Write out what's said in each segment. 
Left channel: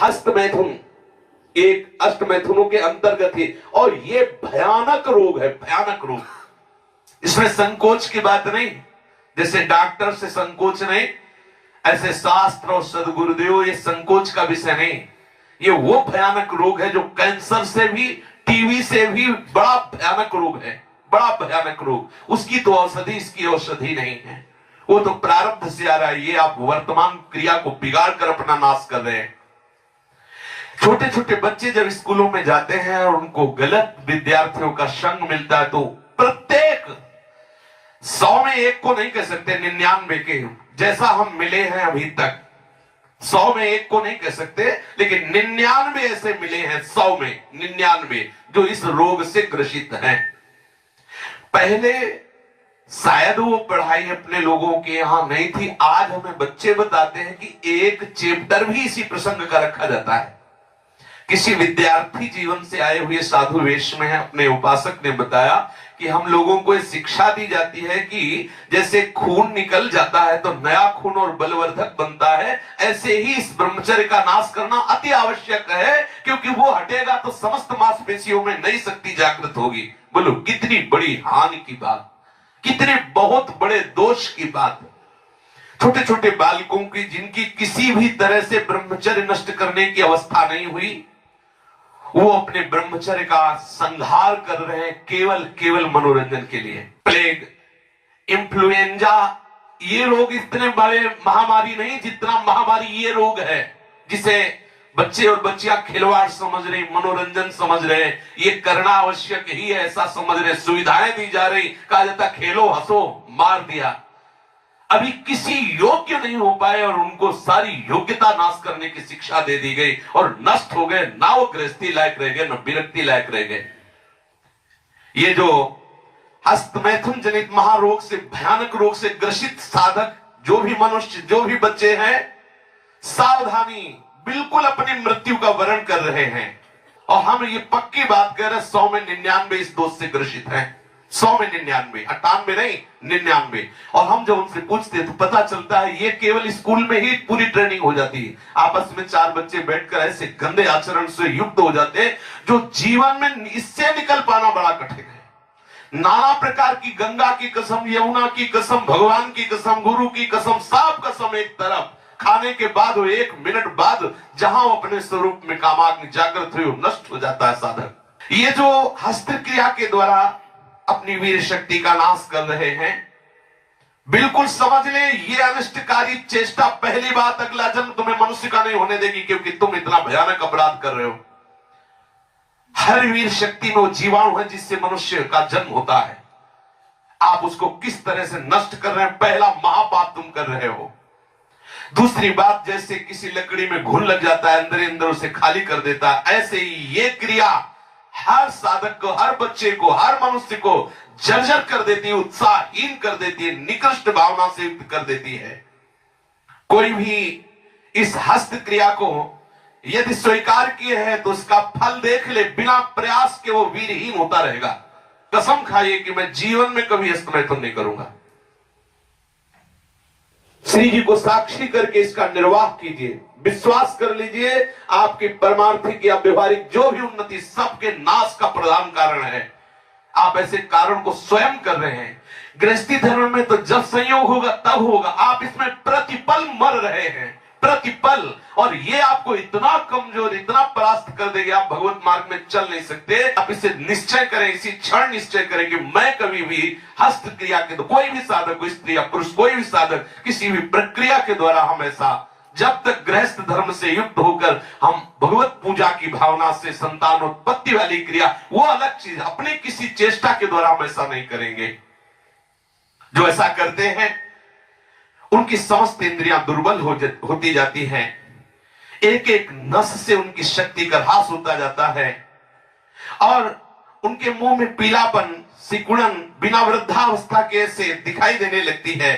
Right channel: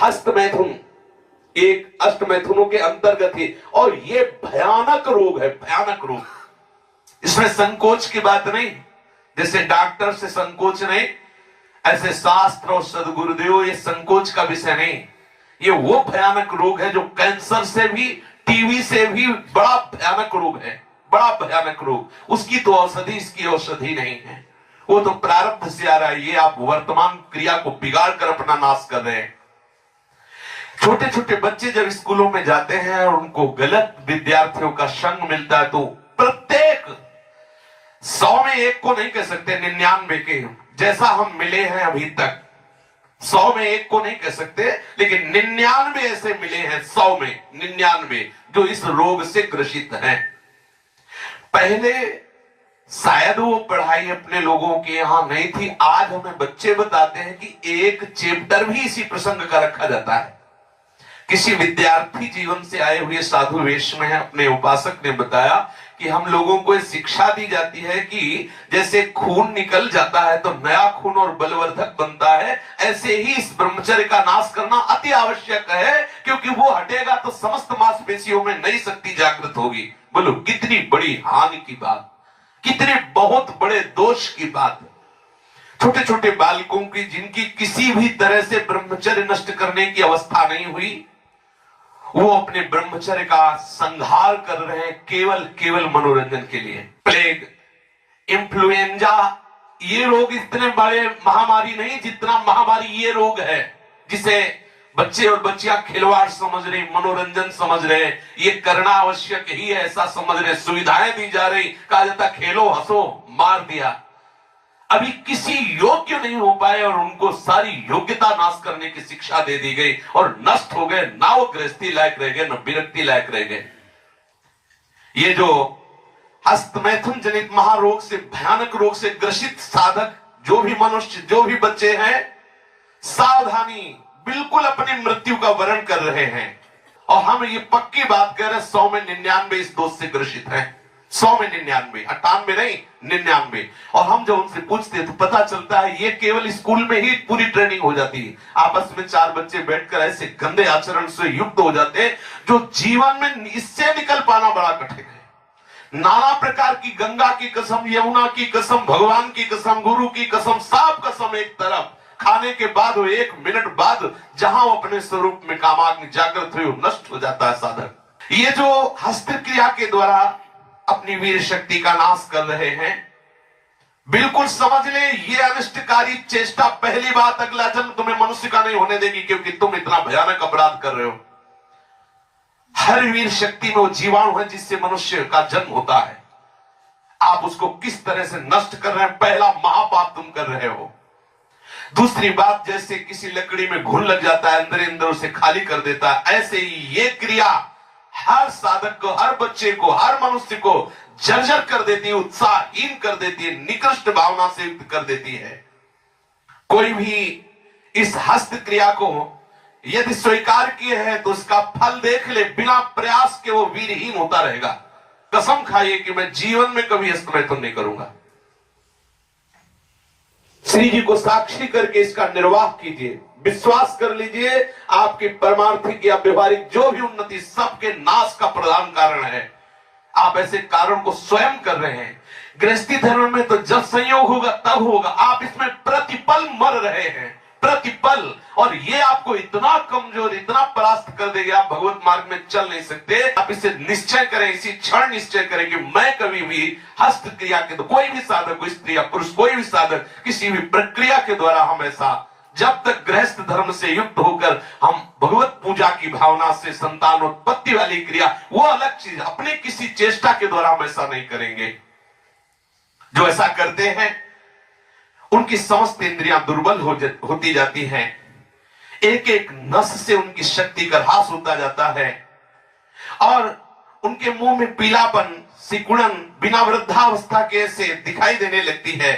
हस्त मैथुन एक अष्ट मैथुनों के अंतर्गत है और ये भयानक रोग है, भयानक रोग। इसमें संकोच की बात नहीं, जैसे डॉक्टर से संकोच नहीं, ऐसे शास्त्र और सदगुरुदेव ये संकोच का विषय नहीं। ये वो भयानक रोग है जो कैंसर से भी, टीबी से भी बड़ा भयानक रोग है, बड़ा भयानक रोग। उसकी तो औषधि, इसकी औषधि नहीं है। वो तो प्रारब्ध से आ रहा है। ये आप वर्तमान क्रिया को बिगाड़ कर अपना नाश कर रहे हैं। छोटे छोटे बच्चे जब स्कूलों में जाते हैं और उनको गलत विद्यार्थियों का संग मिलता है तो प्रत्येक 100 में एक को नहीं कह सकते, 99 के जैसा हम मिले हैं अभी तक, 100 में एक को नहीं कह सकते, लेकिन 99 ऐसे मिले हैं, 100 में 99 जो इस रोग से ग्रसित हैं। पहले शायद वो पढ़ाई अपने लोगों के यहां नहीं थी। आज हमें बच्चे बताते हैं कि एक चैप्टर भी इसी प्रसंग का रखा जाता है। किसी विद्यार्थी जीवन से आए हुए साधु वेश में अपने उपासक ने बताया कि हम लोगों को शिक्षा दी जाती है कि जैसे खून निकल जाता है तो नया खून और बलवर्धक बनता है, ऐसे ही इस ब्रह्मचर्य का नाश करना अति आवश्यक है, क्योंकि वो हटेगा तो समस्त मांसपेशियों में नई शक्ति जागृत होगी। बोलो कितनी बड़ी हानि की बात, कितने बहुत बड़े दोष की बात। छोटे छोटे बालकों की जिनकी किसी भी तरह से ब्रह्मचर्य नष्ट करने की अवस्था नहीं हुई, वो अपने ब्रह्मचर्य का संहार कर रहे हैं केवल मनोरंजन के लिए। प्लेग, इन्फ्लुएंजा, ये रोग इतने बड़े महामारी नहीं जितना महामारी ये रोग है, जिसे बच्चे और बच्चियां खिलवाड़ समझ रही, मनोरंजन समझ रहे, ये करना आवश्यक ही है ऐसा समझ रहे, सुविधाएं दी जा रही, कहा जाता खेलो हंसो, मार दिया। अभी किसी योग्य नहीं हो पाए और उनको सारी योग्यता नाश करने की शिक्षा दे दी गई और नष्ट हो गए। ना वो गृहस्थी लायक रह गए, न विरक्ति लायक रह गए। ये जो हस्तमैथुन जनित महारोग से, भयानक रोग से ग्रसित साधक जो भी मनुष्य, जो भी बच्चे हैं, सावधानी, बिल्कुल अपनी मृत्यु का वर्ण कर रहे हैं। और हम ये पक्की बात कह रहे हैं, 100 में 99 इस दोष से ग्रसित हैं। 100 में 99, 98 नहीं, 99। और हम जब उनसे पूछते हैं तो पता चलता है ये केवल स्कूल में ही पूरी ट्रेनिंग हो जाती है। आपस में 4 बच्चे बैठकर ऐसे गंदे आचरण से युक्त हो जाते हैं जो जीवन में इससे निकल पाना बड़ा कठिन है। नाना प्रकार की, गंगा की कसम, यमुना की कसम, भगवान की कसम, गुरु की कसम, सब कसम एक तरफ, खाने के बाद 1 मिनट बाद जहां वो अपने स्वरूप में कामाग्नि जागृत हुई, नष्ट हो जाता है साधक। ये जो हस्त क्रिया के द्वारा अपनी वीर शक्ति का नाश कर रहे हैं, बिल्कुल समझ ले ये अनिष्टकारी चेष्टा पहली बात अगला जन्म तुम्हें मनुष्य का नहीं होने देगी, क्योंकि तुम इतना भयानक अपराध कर रहे हो। हर वीर शक्ति में वो जीवाणु है जिससे मनुष्य का जन्म होता है। आप उसको किस तरह से नष्ट कर रहे हैं, पहला महापाप तुम कर रहे हो। दूसरी बात, जैसे किसी लकड़ी में घुन लग जाता है, अंदर अंदर उसे खाली कर देता है, ऐसे ही ये क्रिया हर साधक को, हर बच्चे को, हर मनुष्य को जर्जर कर देती है, उत्साहहीन कर देती है, निकृष्ट भावना से युक्त कर देती है। कोई भी इस हस्त क्रिया को यदि स्वीकार किए हैं तो उसका फल देख ले, बिना प्रयास के वो वीरहीन होता रहेगा। कसम खाइए कि मैं जीवन में कभी हस्तमैथुन नहीं करूंगा। श्री जी को साक्षी करके इसका निर्वाह कीजिए, विश्वास कर लीजिए, आपकी परमार्थिक या व्यवहारिक जो भी उन्नति सबके नाश का प्रधान कारण है। आप ऐसे कारण को स्वयं कर रहे हैं। गृहस्थी धर्म में तो जब संयोग होगा तब होगा, आप इसमें प्रतिपल मर रहे हैं, प्रतिपल। और ये आपको इतना कमजोर, इतना परास्त कर देगी, आप भगवत मार्ग में चल नहीं सकते। आप इसे निश्चय करें, इसी क्षण निश्चय करें कि मैं कभी भी हस्त क्रिया के, तो कोई भी साधक, कोई स्त्री या पुरुष, कोई भी साधक किसी भी प्रक्रिया के द्वारा हम ऐसा, जब तक गृहस्थ धर्म से युक्त होकर हम भगवत पूजा की भावना से संतानोत्पत्ति वाली क्रिया, वो अलग चीज, अपने किसी चेष्टा के द्वारा हम ऐसा नहीं करेंगे। जो ऐसा करते हैं उनकी समस्त इंद्रियां दुर्बल होती जाती हैं, एक एक नस से उनकी शक्ति का ह्रास होता जाता है और उनके मुंह में पीलापन, सिकुड़न बिना वृद्धावस्था के से दिखाई देने लगती है।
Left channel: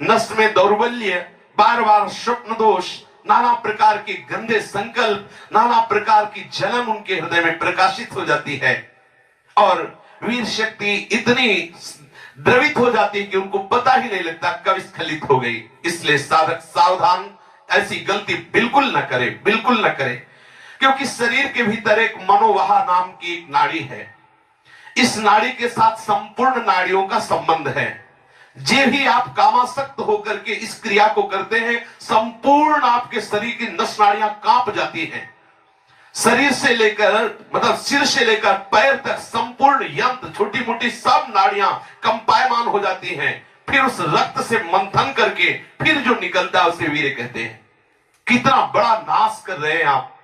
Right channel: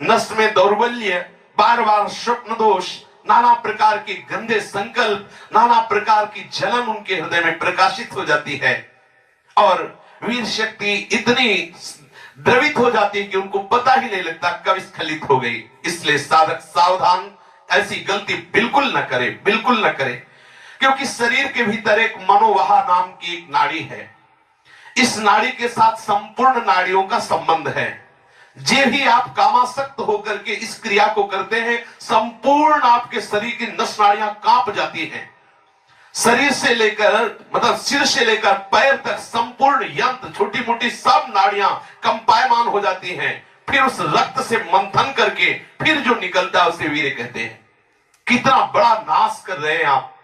नस में दौर्बल्य, बार बार स्वप्न दोष, नाना प्रकार के गंदे संकल्प, नाना प्रकार की जलन उनके हृदय में प्रकाशित हो जाती है और वीर शक्ति इतनी द्रवित हो जाती है कि उनको पता ही नहीं लगता कब स्खलित हो गई। इसलिए साधक सावधान, ऐसी गलती बिल्कुल ना करें, बिल्कुल ना करें। क्योंकि शरीर के भीतर एक मनोवाहा नाम की एक नाड़ी है। इस नाड़ी के साथ संपूर्ण नाड़ियों का संबंध है। जे भी आप कामासक्त होकर के इस क्रिया को करते हैं, संपूर्ण आपके शरीर की नस नाड़ियां कांप जाती हैं। शरीर से लेकर मतलब सिर से लेकर पैर तक संपूर्ण यंत्र, छोटी मोटी सब नाड़ियां कंपायमान हो जाती हैं। फिर उस रक्त से मंथन करके फिर जो निकलता है उसे वीर्य कहते हैं। कितना बड़ा नाश कर रहे हैं आप।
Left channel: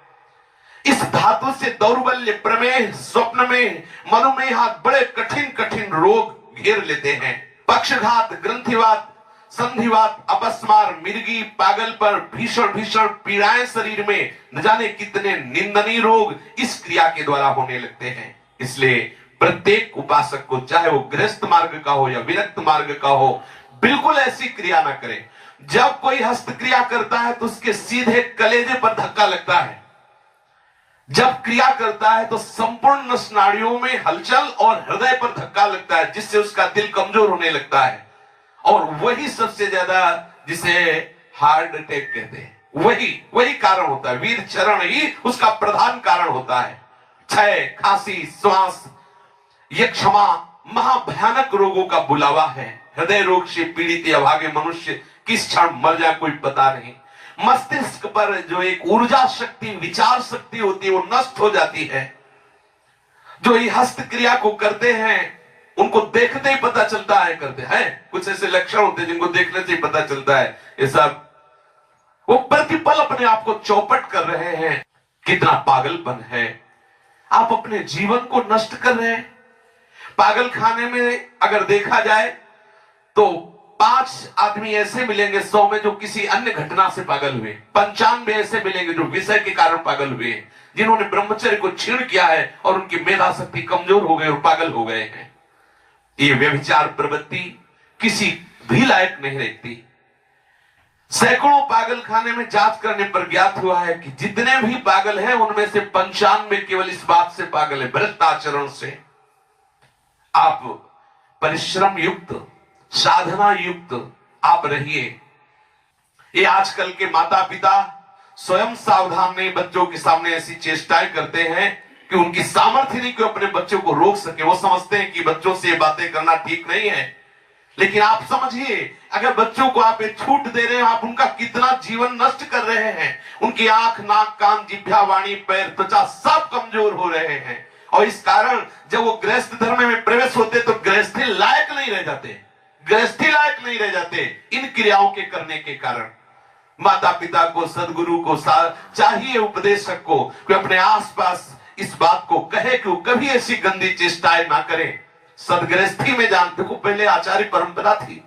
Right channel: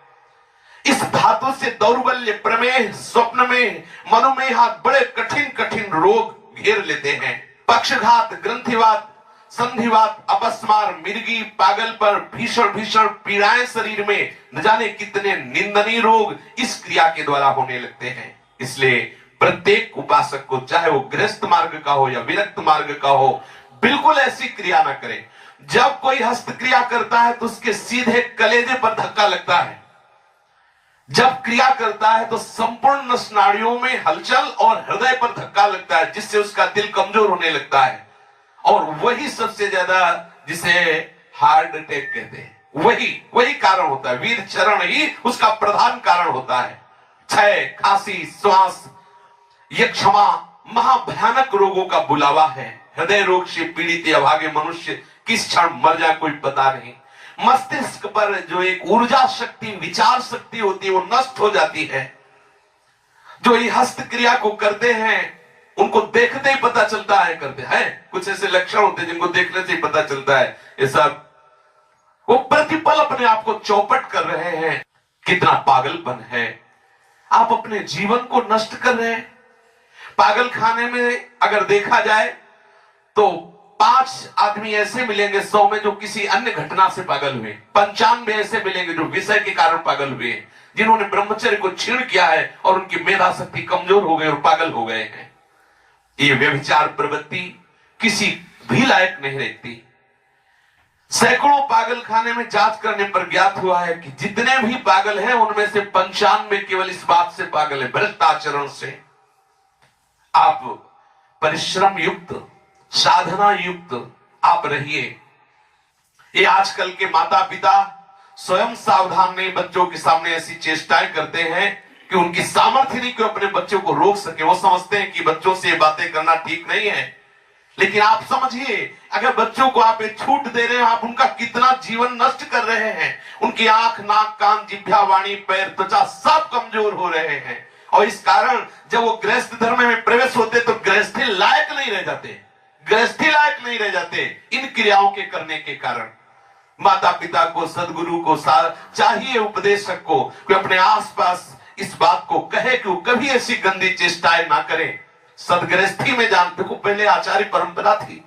इस धातु से दौर्बल्य, प्रमेह, स्वप्न में, मनुमेह यहां बड़े कठिन कठिन रोग घेर लेते हैं। पक्षघात, ग्रंथिवात, संधिवात, अपस्मार, मिर्गी, पागल पर भीषण भीषण पीड़ाएं शरीर में, न जाने कितने निंदनीय रोग इस क्रिया के द्वारा होने लगते हैं। इसलिए प्रत्येक उपासक को, चाहे वो गृहस्थ मार्ग का हो या विरक्त मार्ग का हो, बिल्कुल ऐसी क्रिया ना करे। जब कोई हस्त क्रिया करता है तो उसके सीधे कलेजे पर धक्का लगता है। जब क्रिया करता है तो संपूर्ण नस नाड़ियों में हलचल और हृदय पर धक्का लगता है, जिससे उसका दिल कमजोर होने लगता है। और वही सबसे ज्यादा जिसे हार्ट अटैक कहते हैं, वही कारण होता है। वीर चरण ही उसका प्रधान कारण होता है। क्षय, खांसी, श्वास, ये क्षमा महाभयानक रोगों का बुलावा है। हृदय रोग से पीड़ित या भागे मनुष्य किस क्षण मर जाए कोई पता नहीं। मस्तिष्क पर जो एक ऊर्जा शक्ति, विचार शक्ति होती है, वो नष्ट हो जाती है। जो ये हस्त क्रिया को करते हैं उनको देखते ही पता चलता है करते हैं। कुछ ऐसे लक्षण होते हैं जिनको देखने से ही पता चलता है ये सब वो प्रतिपल अपने आप को चौपट कर रहे हैं। कितना पागलपन है। आप अपने जीवन को नष्ट कर रहे हैं। पागल खाने में अगर देखा जाए तो 5 आदमी ऐसे मिलेंगे 100 में जो किसी अन्य घटना से पागल हुए। 95 ऐसे मिलेंगे जो विषय के कारण पागल हुए, जिन्होंने ब्रह्मचर्य को छीण किया है और उनकी मेधा शक्ति कमजोर हो गई और पागल हो गए हैं। ये व्यभिचार प्रवृत्ति किसी भी लायक नहीं रहती। सैकड़ों पागल खाने में जांच करने पर ज्ञात हुआ है कि जितने भी पागल हैं उनमें से 95 केवल इस बात से पागल है, भ्रष्ट आचरण से। आप परिश्रम युक्त, साधना युक्त आप रहिए। ये आजकल के माता पिता स्वयं सावधान नहीं, बच्चों के सामने ऐसी चेष्टाएं करते हैं कि उनकी सामर्थ्य नहीं कि अपने बच्चों को रोक सके। वो समझते हैं कि बच्चों से ये बातें करना ठीक नहीं है। लेकिन आप समझिए, अगर बच्चों को आप एक छूट दे रहे हैं, आप उनका कितना जीवन नष्ट कर रहे हैं। उनकी आंख, नाक, कान, जिह्वा, वाणी, पैर, त्वचा सब कमजोर हो रहे हैं। और इस कारण जब वो गृहस्थ धर्म में प्रवेश होते तो गृहस्थी लायक नहीं रह जाते, गृहस्थी लायक नहीं रह जाते इन क्रियाओं के करने के कारण। माता पिता को, सदगुरु को चाहिए, उपदेशक को, कि अपने आसपास इस बात को कहे कि वो कभी ऐसी गंदी चेष्टाएं ना करें। सदगृहस्थी में जान, देखो पहले आचार्य परंपरा थी,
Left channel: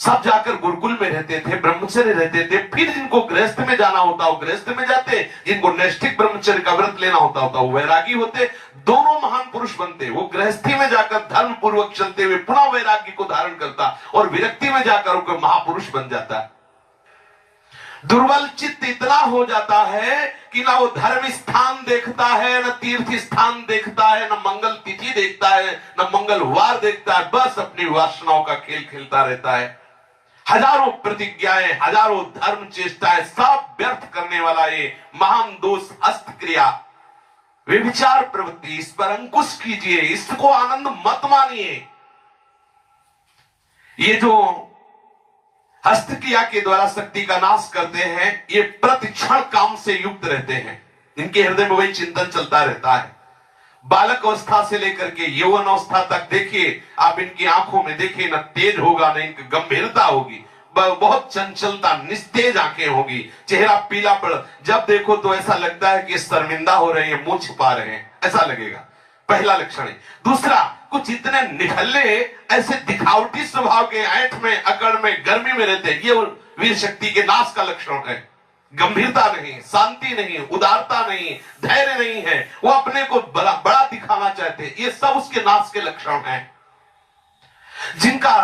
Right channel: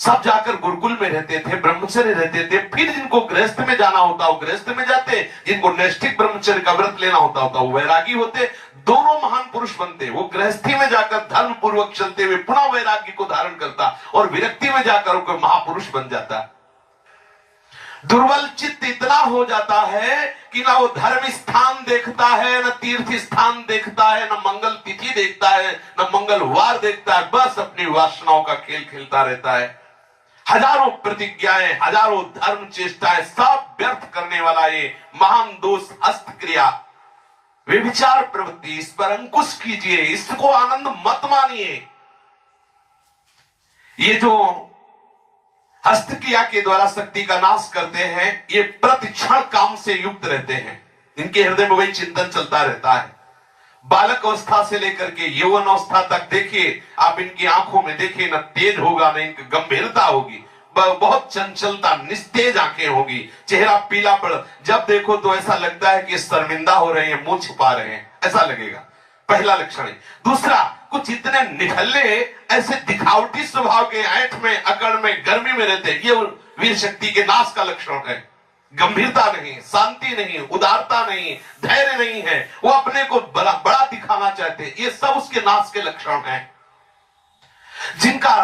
सब जाकर गुरुकुल में रहते थे, ब्रह्मचर्य रहते थे। फिर जिनको गृहस्थ में जाना होता वो गृहस्थ में जाते, जिनको नैष्ठिक ब्रह्मचर्य का व्रत लेना होता वो वैरागी होते। दोनों महान पुरुष बनते। वो गृहस्थी में जाकर धर्म पूर्वक चलते हुए पुनः वैराग्य को धारण करता और विरक्ति में जाकर वो महापुरुष बन जाता। दुर्बल चित्त इतना हो जाता है कि ना वो धर्म स्थान देखता है, न तीर्थ स्थान देखता है, न मंगल तिथि देखता है, न मंगलवार देखता है। बस अपनी वासनाओं का खेल खेलता रहता है। हजारों प्रतिज्ञाएं, हजारों धर्म चेष्टाएं सब व्यर्थ करने वाला ये महान दोष हस्त क्रिया, व्यभिचार प्रवृत्ति, इस पर अंकुश कीजिए, इसको आनंद मत मानिए। ये जो हस्त क्रिया के द्वारा शक्ति का नाश करते हैं, ये प्रतिक्षण काम से युक्त रहते हैं। इनके हृदय में वही चिंतन चलता रहता है। बालक अवस्था से लेकर के यौवन अवस्था तक देखिए आप, इनकी आंखों में देखिए, न तेज होगा न इनकी गंभीरता होगी, बहुत चंचलता, निस्तेज आंखें होगी, चेहरा पीला पड़, जब देखो तो ऐसा लगता है कि शर्मिंदा हो रहे हैं, मुंह छुपा रहे हैं, ऐसा लगेगा। पहला लक्षण है। दूसरा, कुछ इतने निठल्ले, ऐसे दिखावटी स्वभाव के, ऐंठ में, अकड़ में, गर्मी में रहते हैं, ये वीर शक्ति के नाश का लक्षण है। गंभीरता नहीं, शांति नहीं, उदारता नहीं, धैर्य नहीं है, वो अपने को बड़ा बड़ा दिखाना चाहते हैं, ये सब उसके नाश के लक्षण हैं। जिनका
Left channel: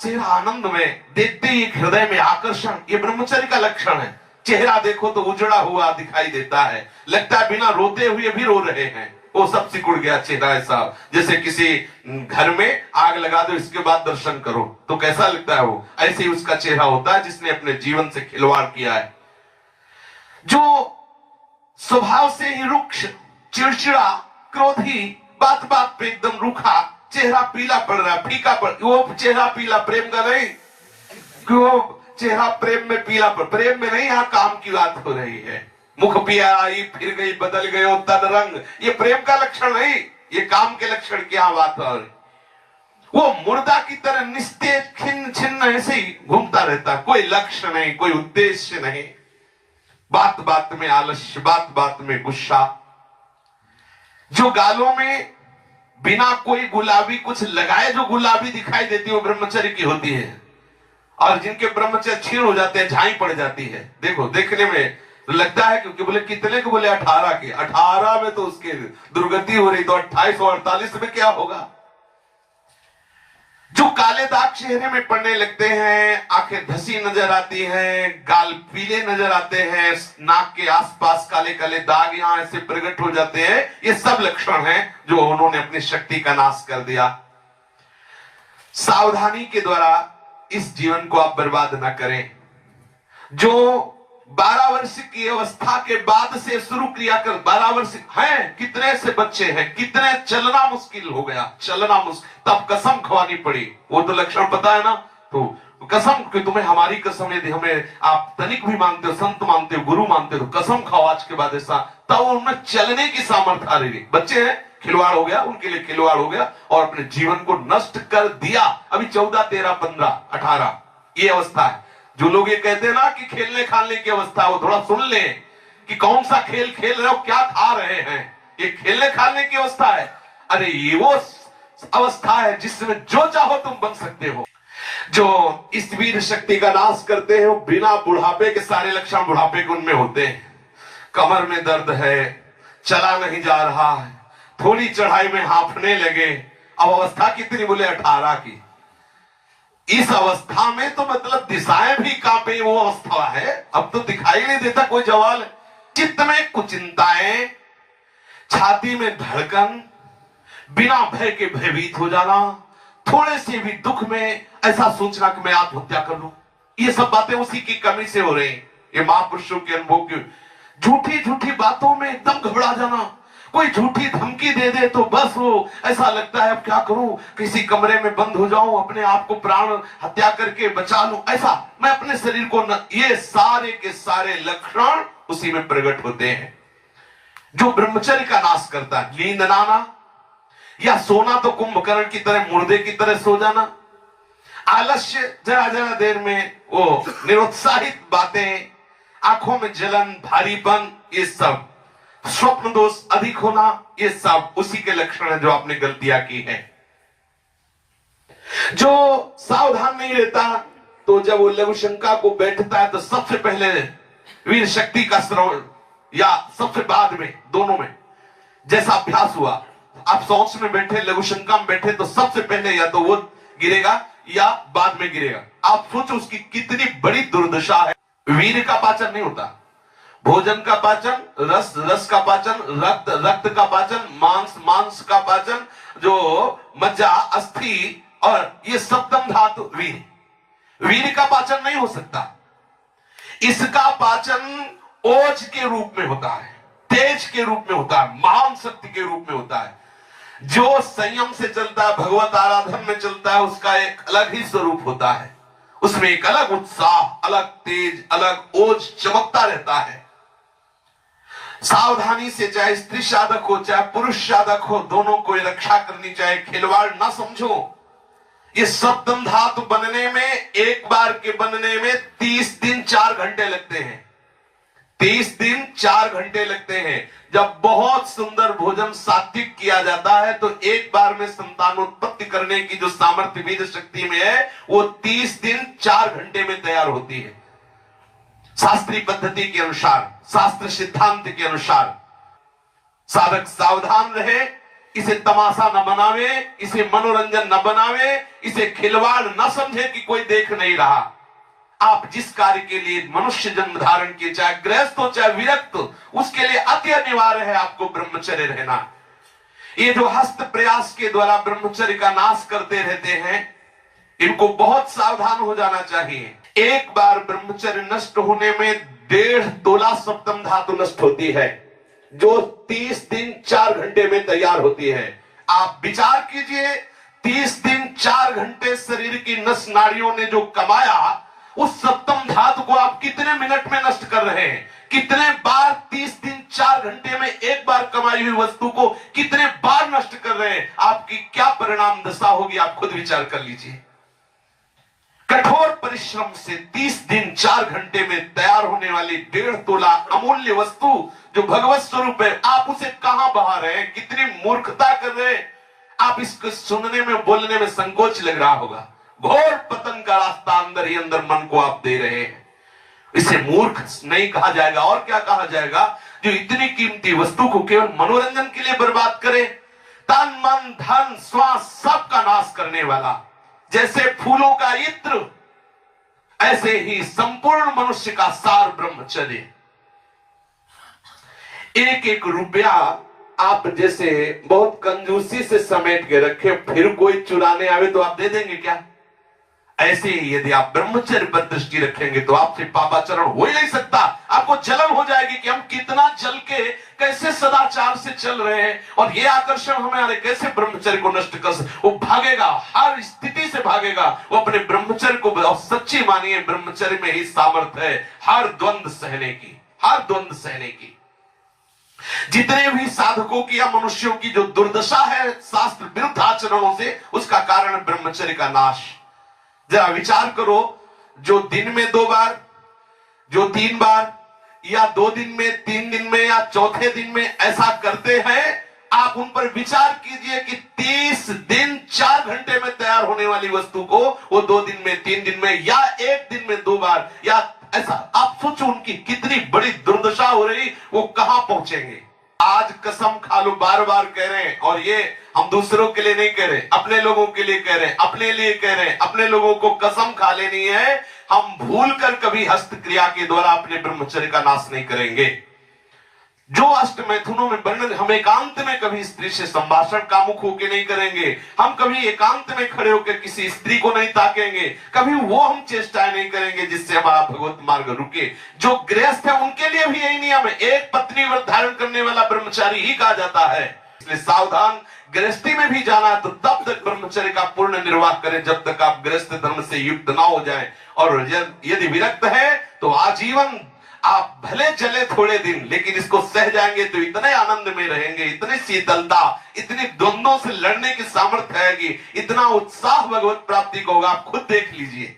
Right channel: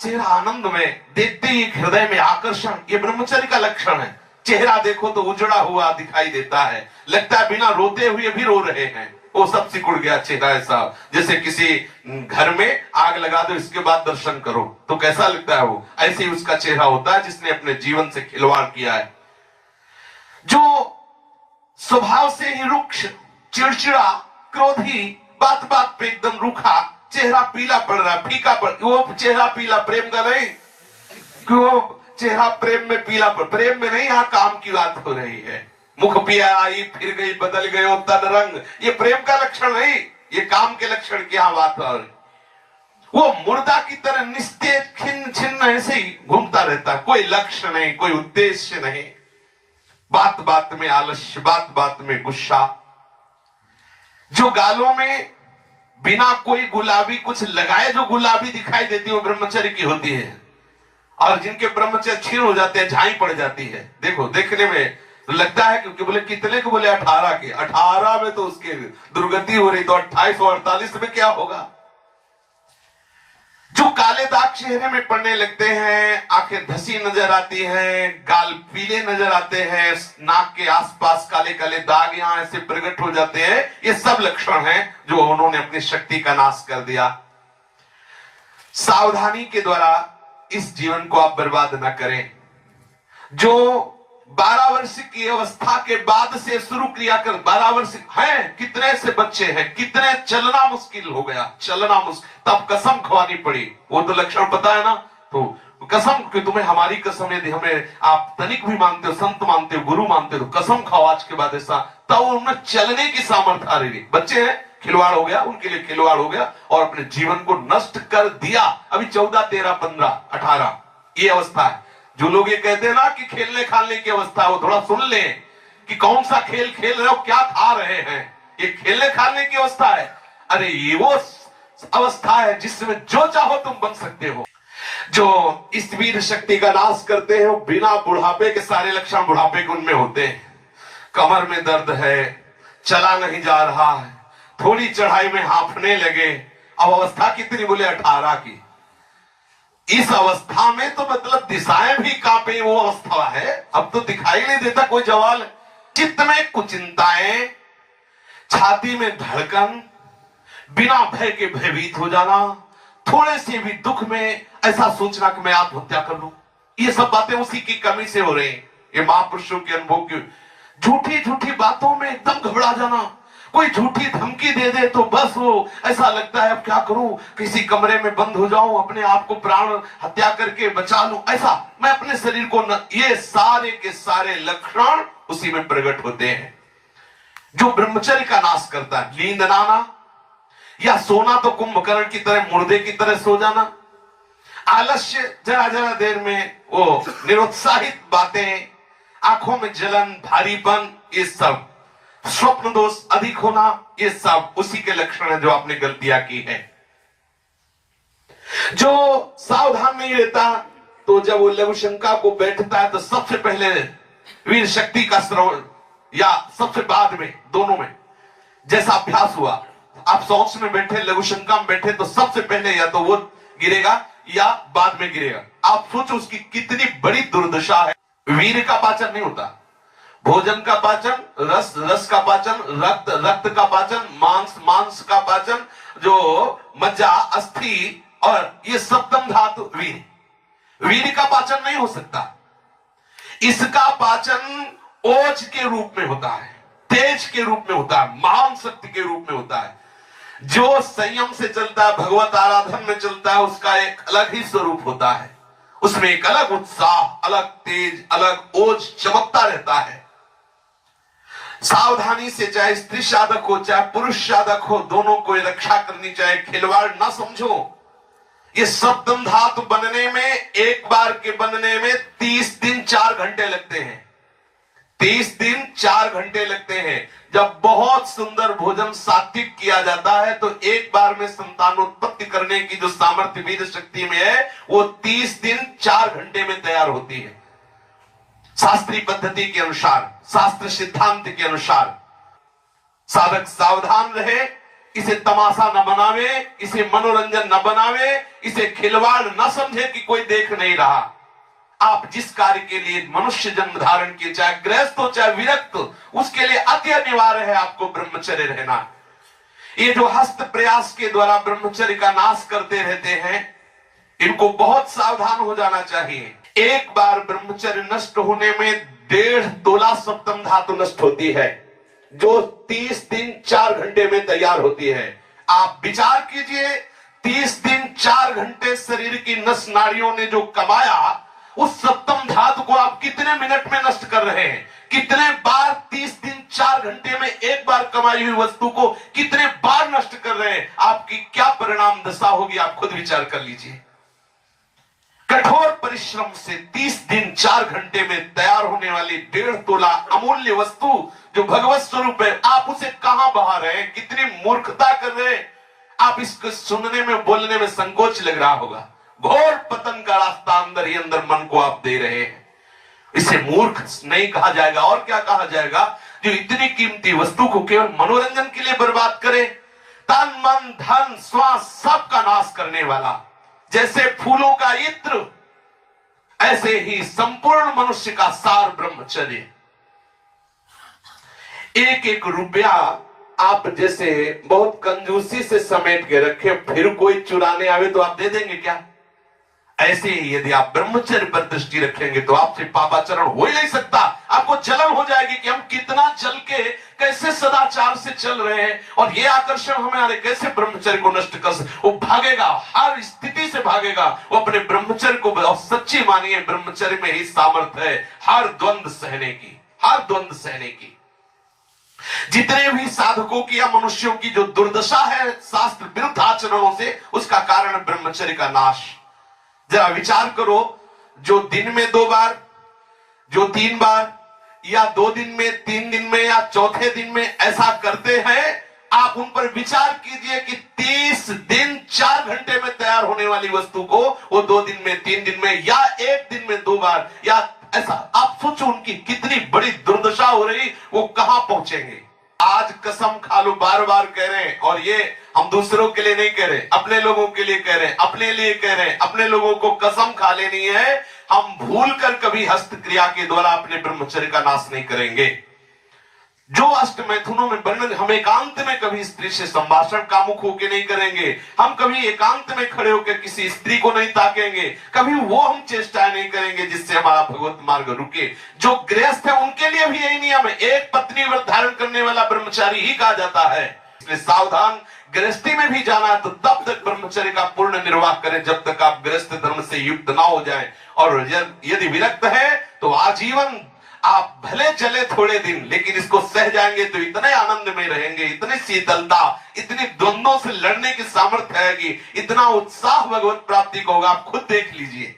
चेहरा आनंद में, देखते ही हृदय में आकर्षण, ये ब्रह्मचर्य का लक्षण है। चेहरा देखो तो उजड़ा हुआ दिखाई देता है, लगता है बिना रोते हुए भी रो रहे हैं। वो सब सिकुड़ गया चेहरा, ऐसा जैसे किसी घर में आग लगा दो, इसके बाद दर्शन करो तो कैसा लगता है, वो ऐसे ही उसका चेहरा होता है जिसने अपने जीवन से खिलवाड़ किया है। जो स्वभाव से ही रुक्ष, चिड़चिड़ा, क्रोधी, बात बात पे एकदम रूखा, चेहरा पीला पड़ रहा, फीका पड़, वो चेहरा पीला प्रेम का नहीं, क्यों चेहरा प्रेम में पीला पड़, प्रेम में नहीं, यहाँ काम की बात हो रही है। मुख पिया आई फिर गई, बदल गए तन रंग, ये प्रेम का लक्षण नहीं, ये काम के लक्षण की यहाँ बात हो रही। वो मुर्दा की तरह निस्तेज खिन्न छिन्न ऐसे ही घूमता रहता, कोई लक्ष्य नहीं, कोई उद्देश्य नहीं, बात बात में आलस्य, बात बात में गुस्सा। जो गालों में बिना कोई गुलाबी कुछ लगाए जो गुलाबी दिखाई देती है वो ब्रह्मचर्य की होती है, और जिनके ब्रह्मचर्य क्षीण हो जाते हैं, झाई पड़ जाती है। देखो देखने में लगता है क्योंकि बोले कितने को, बोले 18 के, 18 में तो उसकी दुर्गति हो रही, तो 28 और 48 में क्या होगा। जो काले दाग चेहरे में पड़ने लगते हैं, आंखें धसी नजर आती हैं, गाल पीले नजर आते हैं, नाक के आसपास काले काले दाग यहां ऐसे प्रकट हो जाते हैं, ये सब लक्षण हैं जो उन्होंने अपनी शक्ति का नाश कर दिया। सावधानी के द्वारा इस जीवन को आप बर्बाद ना करें। जो 12 वर्ष की अवस्था के बाद से शुरू किया कर, 12 वर्ष है, कितने से बच्चे हैं, कितने चलना मुश्किल हो गया, चलना मुश्किल, तब कसम खवानी पड़ी। वो तो लक्षण पता है ना, तो कसम कि तुम्हें हमारी कसम, यदि हमें आप तनिक भी मानते हो, संत मानते हो, गुरु मानते हो, तो कसम खाओ आज के बाद ऐसा, तब उनमें चलने की सामर्थ्य आ रही। बच्चे हैं, खिलवाड़ हो गया, उनके लिए खिलवाड़ हो गया और अपने जीवन को नष्ट कर दिया। अभी 14, 13, 15, 18 ये अवस्था है। जो लोग ये कहते हैं ना कि खेलने खाने की अवस्था, वो थोड़ा सुन ले कि कौन सा खेल खेल रहे हो, क्या खा रहे हैं, ये खेलने खाने की अवस्था है। अरे ये वो अवस्था है जिसमें जो चाहो तुम बन सकते हो। जो इस वीर शक्ति का नाश करते हैं वो बिना बुढ़ापे के सारे लक्षण बुढ़ापे के उनमें होते हैं। कमर में दर्द है, चला नहीं जा रहा है, थोड़ी चढ़ाई में हांफने लगे। अब अवस्था कितनी, बोले 18 की। इस अवस्था में तो मतलब दिशाएं भी कांपे, वो अवस्था है। अब तो दिखाई नहीं देता कोई जवाल। चित्त में कुचिंताएं, छाती में धड़कन, बिना भय के भयभीत हो जाना, थोड़े से भी दुख में ऐसा सोचना कि मैं आत्महत्या कर लूं, ये सब बातें उसी की कमी से हो रही हैं। ये महापुरुषों के अनुभव की झूठी झूठी बातों में एकदम घबरा जाना, कोई झूठी धमकी दे दे तो बस वो ऐसा लगता है अब क्या करूं, किसी कमरे में बंद हो जाऊं, अपने आप को प्राण हत्या करके बचा लूं, ऐसा मैं अपने शरीर को न, ये सारे के सारे लक्षण उसी में प्रकट होते हैं। जो ब्रह्मचर्य का नाश करता है, नींद ना आना या सोना तो कुंभकर्ण की तरह, मुर्दे की तरह सो जाना, आलस्य, जरा जरा देर में वो निरुत्साहित बातें, आंखों में जलन, भारीपन, ये सब, स्वप्न दोष अधिक होना, ये सब उसी के लक्षण है जो आपने गलतियां की है। जो सावधान नहीं रहता तो जब वो लघु शंका को बैठता है तो सबसे पहले वीर शक्ति का श्रवण, या सबसे बाद में, दोनों में जैसा अभ्यास हुआ, आप सोच में बैठे, लघु शंका में बैठे, तो सबसे पहले या तो वो गिरेगा या बाद में गिरेगा। आप सोचो उसकी कितनी बड़ी दुर्दशा है। वीर का पाचन नहीं होता, भोजन का पाचन, रस रस का पाचन, रक्त रक्त का पाचन, मांस मांस का पाचन, जो मज्जा, अस्थि और ये सप्तम धातु वीर का पाचन नहीं हो सकता। इसका पाचन ओज के रूप में होता है, तेज के रूप में होता है, महान शक्ति के रूप में होता है। जो संयम से चलता है, भगवत आराधन में चलता है, उसका एक अलग ही स्वरूप होता है। उसमें एक अलग उत्साह, अलग तेज, अलग ओज चमकता रहता है। सावधानी से, चाहे स्त्री साधक हो चाहे पुरुष साधक हो, दोनों को रक्षा करनी चाहिए। खिलवाड़ ना समझो। ये सप्तम धातु बनने में, एक बार के बनने में 30 दिन 4 घंटे लगते हैं। 30 दिन 4 घंटे लगते हैं। जब बहुत सुंदर भोजन सात्विक किया जाता है तो एक बार में संतानोत्पत्ति करने की जो सामर्थ्य वीर शक्ति में है, वो 30 दिन 4 घंटे में तैयार होती है। शास्त्रीय पद्धति के अनुसार, शास्त्र सिद्धांत के अनुसार साधक सावधान रहे, इसे तमाशा न बनावे, इसे मनोरंजन न बनावे, इसे खिलवाड़ न समझे कि कोई देख नहीं रहा। आप जिस कार्य के लिए मनुष्य जन्म धारण किए, चाहे गृहस्थ हो चाहे विरक्त, उसके लिए अति अनिवार्य है आपको ब्रह्मचर्य रहना। ये जो हस्त प्रयास के द्वारा ब्रह्मचर्य का नाश करते रहते हैं, इनको बहुत सावधान हो जाना चाहिए। एक बार ब्रह्मचर्य नष्ट होने में 1.5 तोला सप्तम धातु नष्ट होती है, जो 30 दिन 4 घंटे में तैयार होती है। आप विचार कीजिए, 30 दिन 4 घंटे शरीर की नस नाड़ियों ने जो कमाया, उस सप्तम धातु को आप कितने मिनट में नष्ट कर रहे हैं? कितने बार 30 दिन 4 घंटे में एक बार कमाई हुई वस्तु को कितने बार नष्ट कर रहे हैं? आपकी क्या परिणाम दशा होगी, आप खुद विचार कर लीजिए। कठोर परिश्रम से 30 दिन 4 घंटे में तैयार होने वाली 1.5 तोला अमूल्य वस्तु जो भगवत स्वरूप है, आप उसे कहां बहा रहे हैं? कितनी मूर्खता कर रहे हैं? आप इसको सुनने में बोलने में संकोच लग रहा होगा। घोर पतन का रास्ता अंदर ही अंदर मन को आप दे रहे हैं। इसे मूर्ख नहीं कहा जाएगा और क्या कहा जाएगा? जो इतनी कीमती वस्तु को केवल मनोरंजन के लिए बर्बाद करे, तन मन धन श्वास सबका नाश करने वाला। जैसे फूलों का इत्र, ऐसे ही संपूर्ण मनुष्य का सार ब्रह्मचर्य। एक एक रुपया आप जैसे बहुत कंजूसी से समेट के रखे, फिर कोई चुराने आवे तो आप दे देंगे क्या? ऐसे ही यदि आप ब्रह्मचर्य पर दृष्टि रखेंगे तो आपसे पापाचरण हो ही नहीं सकता। आपको जलन हो जाएगी कि हम कितना जल के कैसे सदाचार से चल रहे हैं और ये आकर्षण हमें आ रहे, कैसे ब्रह्मचर्य को नष्ट कर सकते। वो भागेगा, हर स्थिति से भागेगा। वो अपने ब्रह्मचर्य को बहुत सच्ची मानिए, ब्रह्मचर्य में ही सामर्थ्य है हर द्वंद्व सहने की, हर द्वंद्व सहने की। जितने भी साधकों की या मनुष्यों की जो दुर्दशा है शास्त्र विरुद्ध आचरणों से, उसका कारण ब्रह्मचर्य का नाश। जरा विचार करो, जो दिन में 2 बार, जो 3 बार, या 2 दिन में, 3 दिन में, या चौथे दिन में ऐसा करते हैं, आप उन पर विचार कीजिए कि 30 दिन 4 घंटे में तैयार होने वाली वस्तु को वो 2 दिन में, 3 दिन में, या 1 दिन में 2 बार, या ऐसा आप सोचो उनकी कितनी बड़ी दुर्दशा हो रही, वो कहां पहुंचेंगे। आज कसम खा लो, बार बार कह रहे हैं, और ये हम दूसरों के लिए नहीं कह रहे, अपने लोगों के लिए कह रहे हैं, अपने लिए कह रहे हैं। अपने लोगों को कसम खा लेनी है, हम भूल कर कभी हस्त क्रिया के द्वारा अपने ब्रह्मचर्य का नाश नहीं करेंगे। जो अष्ट मैथुनों में वर्णन, हम एकांत में कभी स्त्री से संभाषण कामुक होकर नहीं करेंगे, हम कभी एकांत में खड़े होकर किसी स्त्री को नहीं ताकेंगे, कभी वो हम चेष्टाएं नहीं करेंगे जिससे हमारा भगवत मार्ग रुके। जो गृहस्थ है उनके लिए भी यही नियम है, एक पत्नी व्रत धारण करने वाला ब्रह्मचारी ही कहा जाता है। इसलिए सावधान, गृहस्थी में भी जाना है तो तब तक ब्रह्मचर्य का पूर्ण निर्वाह करें जब तक आप गृहस्थ धर्म से युक्त ना हो जाएं, और यदि विरक्त है तो आजीवन आप भले चले थोड़े दिन, लेकिन इसको सह जाएंगे तो इतने आनंद में रहेंगे, इतनी शीतलता, इतनी द्वंद्वों से लड़ने की सामर्थ्य आएगी, इतना उत्साह भगवत प्राप्ति को होगा। आप खुद देख लीजिए।